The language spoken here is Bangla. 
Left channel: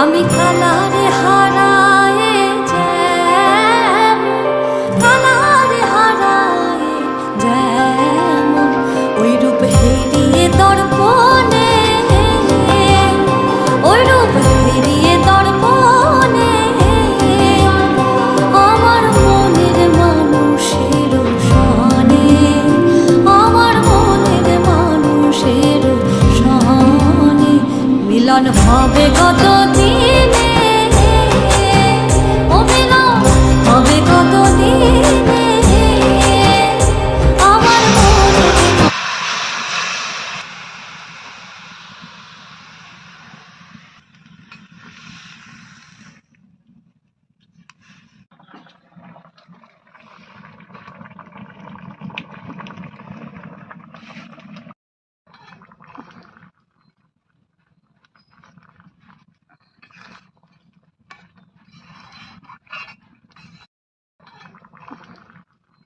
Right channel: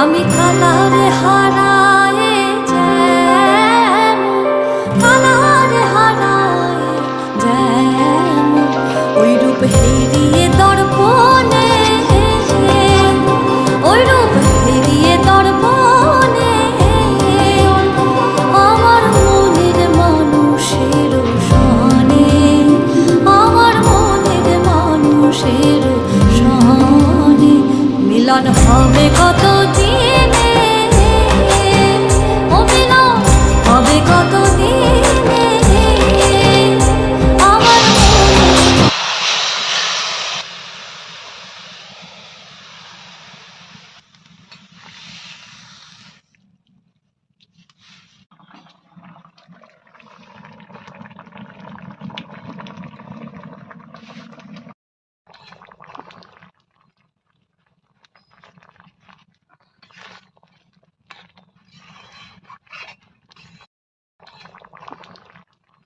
আমি কালারে হারায় যেমন, কালারে হারায় যেমন, ওই রূপ হেরিয়ে দর্পণে, ওই রূপ হেরিয়ে দর্পণে আমার মনের মানুষের সনে, আমার মনের মানুষের সনে মিলন হবে কত দিনে, ও মিলন হবে কত দিনে।